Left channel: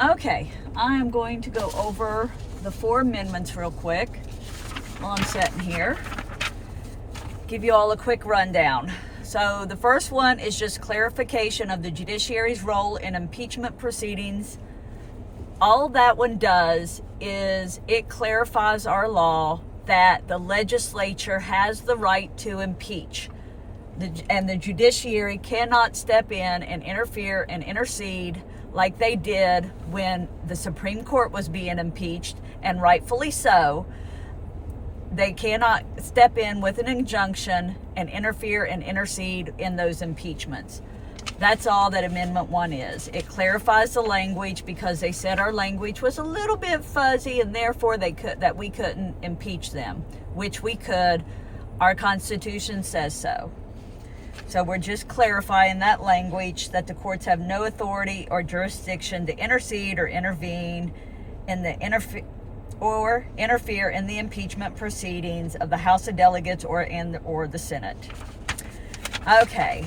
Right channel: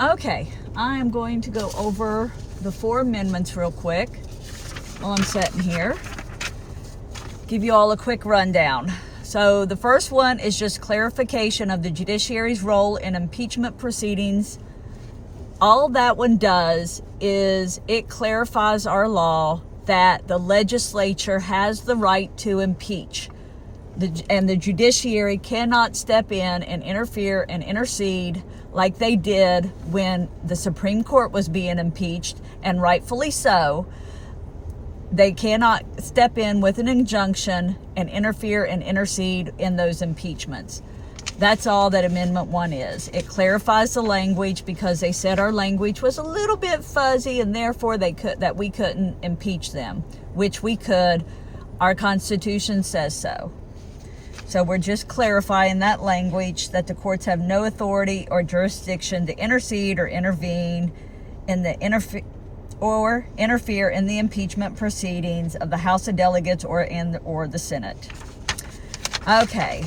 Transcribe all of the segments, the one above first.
Okay, I'm going to go over the 4 amendments real quick while I'm sitting here. Give you all a quick rundown. So the first one is just clarification of the judiciary's role in impeachment proceedings. All that one does is it clarifies our law that the legislature has the right to impeach. And the judiciary cannot step in and interfere and intercede like they did when the Supreme Court was being impeached, and rightfully so. They cannot step in with an injunction and interfere and intercede in those impeachments. That's all that Amendment 1 is. It clarifies the language because they said our language was a little bit fuzzy and therefore we couldn't impeach them, which we could. Our Constitution says so. So we're just clarifying that language, that the courts have no authority or jurisdiction to intercede or intervene in the interfere in the impeachment proceedings of the House of Delegates or the Senate. Okay.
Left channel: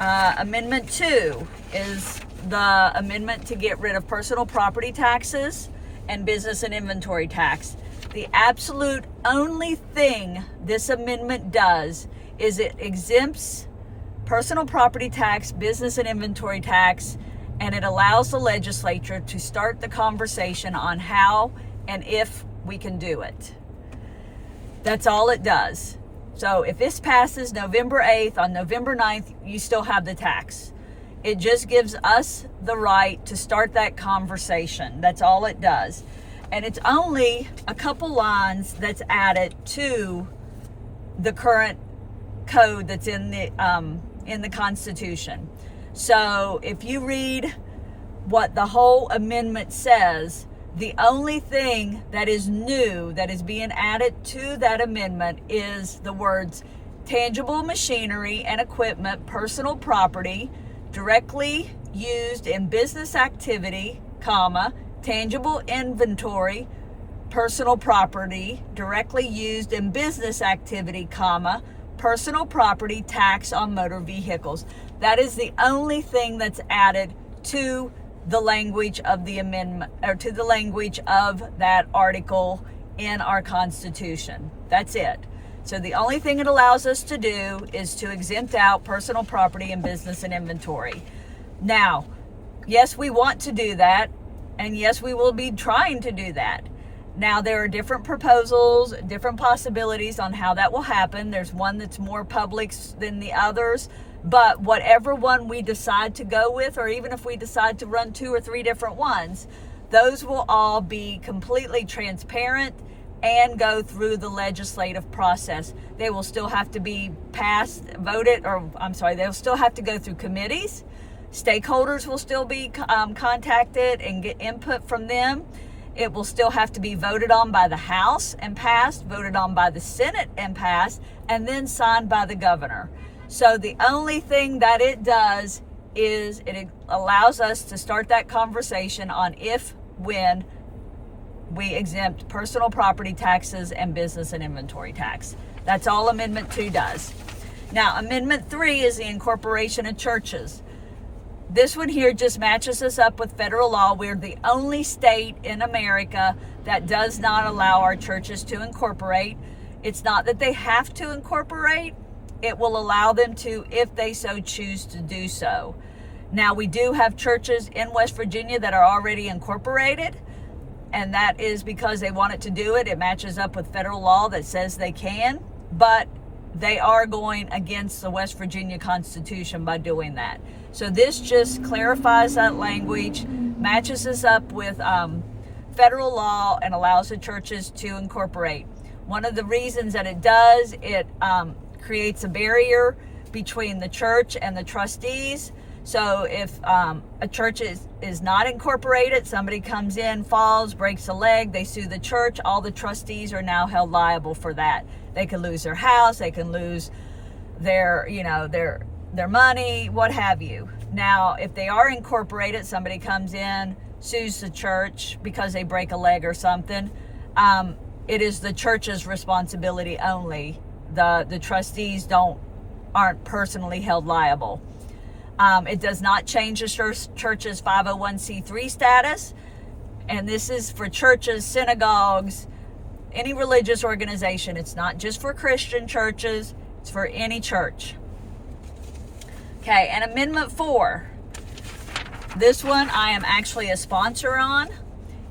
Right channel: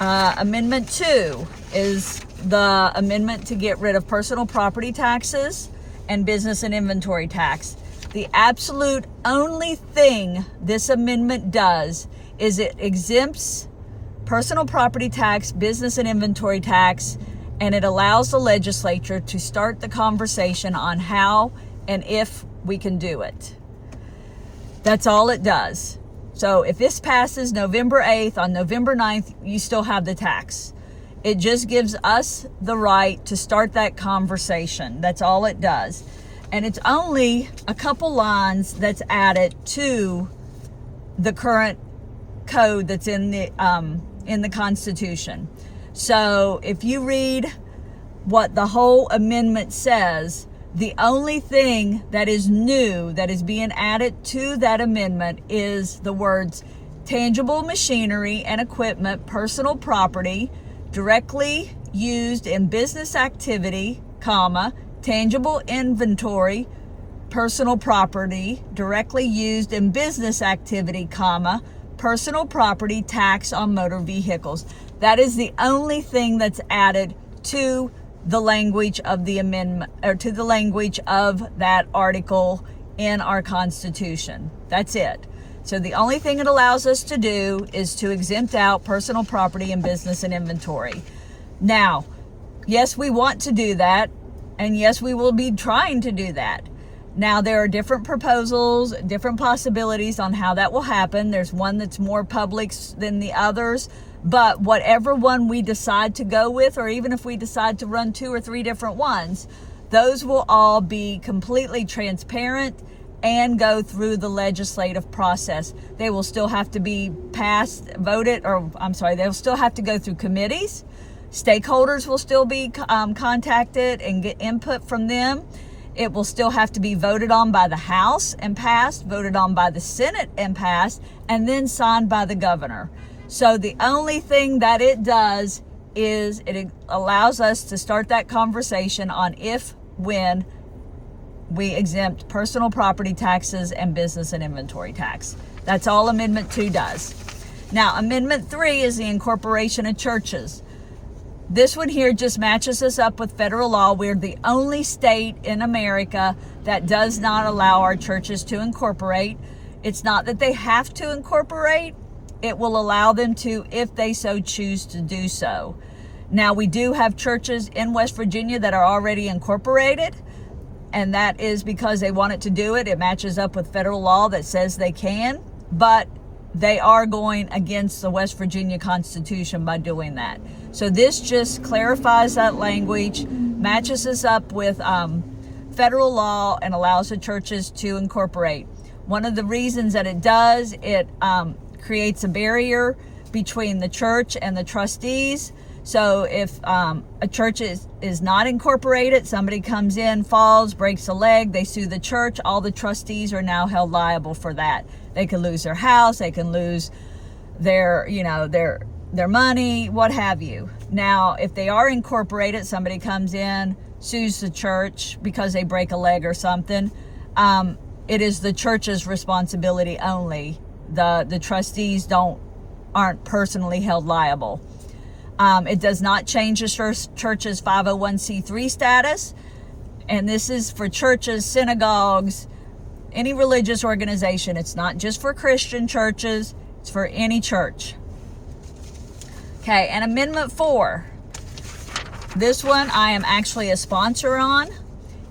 Amendment 2 is the amendment to get rid of personal property taxes and business and inventory tax. The absolute only thing this amendment does is it exempts personal property tax, business and inventory tax, and it allows the legislature to start the conversation on how and if we can do it. That's all it does. So if this passes November 8th, on November 9th, you still have the tax. It just gives us the right to start that conversation. That's all it does. And it's only a couple lines that's added to the current code that's in the Constitution. So if you read what the whole amendment says, the only thing that is new that is being added to that amendment is the words tangible machinery and equipment, personal property, directly used in business activity, comma, tangible inventory, personal property, directly used in business activity, comma, personal property tax on motor vehicles. That is the only thing that's added to the language of the amendment, or to the language of that article in our Constitution. That's it. So the only thing it allows us to do is to exempt out personal property and business and inventory. Now, yes, we want to do that, and yes, we will be trying to do that. Now, there are different proposals, different possibilities on how that will happen. There's one that's more public than the others, but whatever one we decide to go with, or even if we decide to run 2 or 3 different ones, those will all be completely transparent and go through the legislative process. They will still have to be passed, voted, they'll still have to go through committees. Stakeholders will still be contacted and get input from them. It will still have to be voted on by the House and passed, voted on by the Senate and passed, and then signed by the governor. So the only thing that it does is it allows us to start that conversation on when we exempt personal property taxes and business and inventory tax. That's all Amendment 2 does. Now, Amendment 3 is the incorporation of churches. This one here just matches us up with federal law. We're the only state in America that does not allow our churches to incorporate. It's not that they have to incorporate. It will allow them to if they so choose to do so. Now, we do have churches in West Virginia that are already incorporated, and that is because they wanted to do it. It matches up with federal law that says they can, but they are going against the West Virginia Constitution by doing that. So this just clarifies that language, matches us up with federal law, and allows the churches to incorporate. One of the reasons that it does, it creates a barrier between the church and the trustees. So if a church is not incorporated, somebody comes in, falls, breaks a leg, they sue the church, all the trustees are now held liable for that. They can lose their house, they can lose their money, what have you. Now, if they are incorporated, somebody comes in, sues the church because they break a leg or something, it is the church's responsibility only. The trustees aren't personally held liable. It does not change the church's 501c3 status. And this is for churches, synagogues, any religious organization. It's not just for Christian churches. It's for any church. Okay, and Amendment 4. This one I am actually a sponsor on.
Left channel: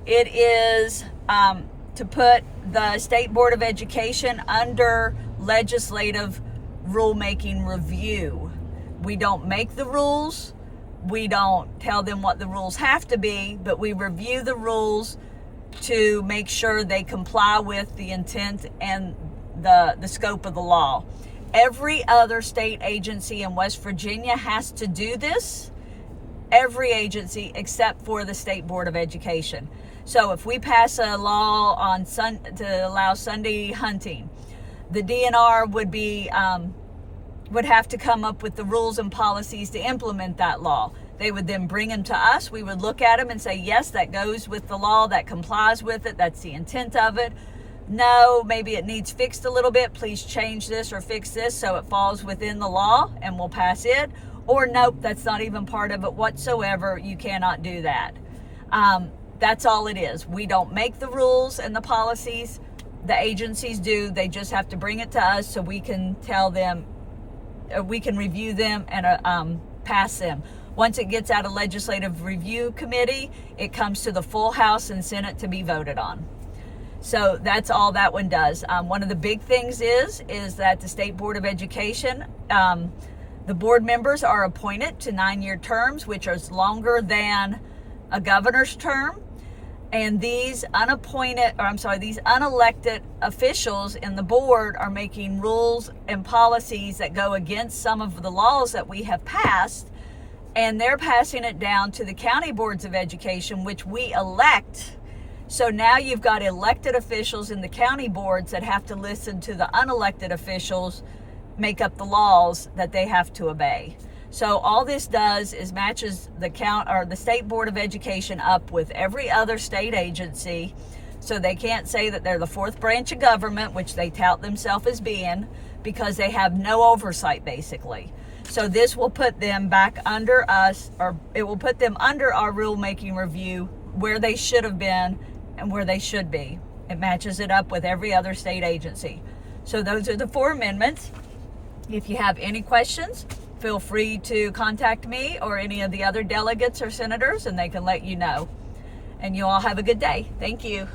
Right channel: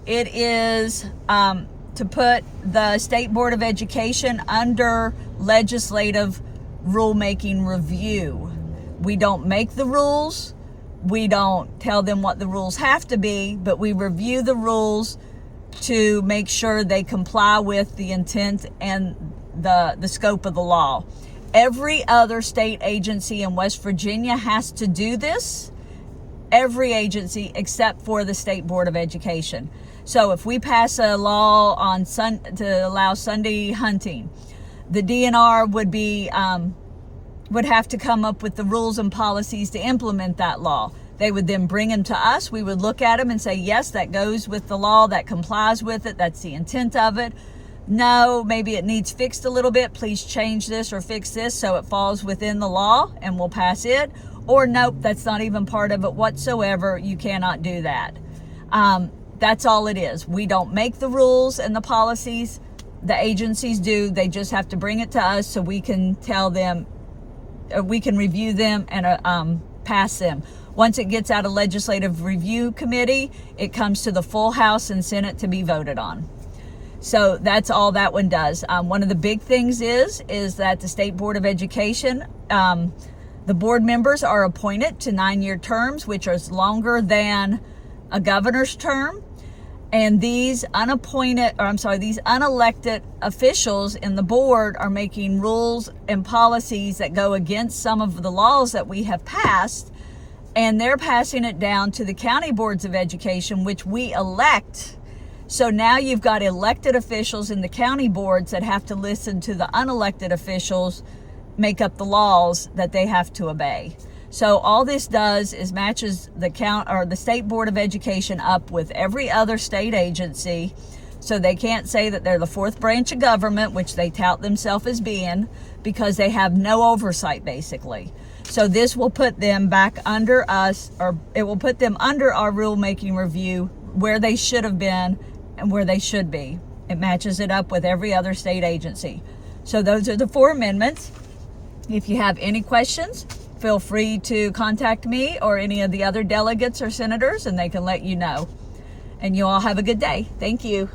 It is to put the State Board of Education under legislative rulemaking review. We don't make the rules. We don't tell them what the rules have to be, but we review the rules to make sure they comply with the intent and the scope of the law. Every other state agency in West Virginia has to do this. Every agency except for the State Board of Education. So if we pass a law on to allow Sunday hunting, the DNR would have to come up with the rules and policies to implement that law. They would then bring them to us. We would look at them and say, yes, that goes with the law, that complies with it, that's the intent of it. No, maybe it needs fixed a little bit. Please change this or fix this so it falls within the law and we'll pass it. Or nope, that's not even part of it whatsoever. You cannot do that. That's all it is. We don't make the rules and the policies. The agencies do. They just have to bring it to us so we can tell them, we can review them and pass them. Once it gets out of legislative review committee, it comes to the full House and Senate to be voted on. So that's all that one does. One of the big things is that the State Board of Education, the board members are appointed to 9-year terms, which is longer than a governor's term. And these unelected officials in the board are making rules and policies that go against some of the laws that we have passed. And they're passing it down to the county boards of education, which we elect. So now you've got elected officials in the county boards that have to listen to the unelected officials make up the laws that they have to obey. So all this does is matches the State Board of Education up with every other state agency. So they can't say that they're the fourth branch of government, which they tout themselves as being, because they have no oversight basically. So this will put them back under us, or it will put them under our rulemaking review where they should have been and where they should be. It matches it up with every other state agency. So those are the 4 amendments. If you have any questions, feel free to contact me or any of the other delegates or senators and they can let you know. And you all have a good day. Thank you.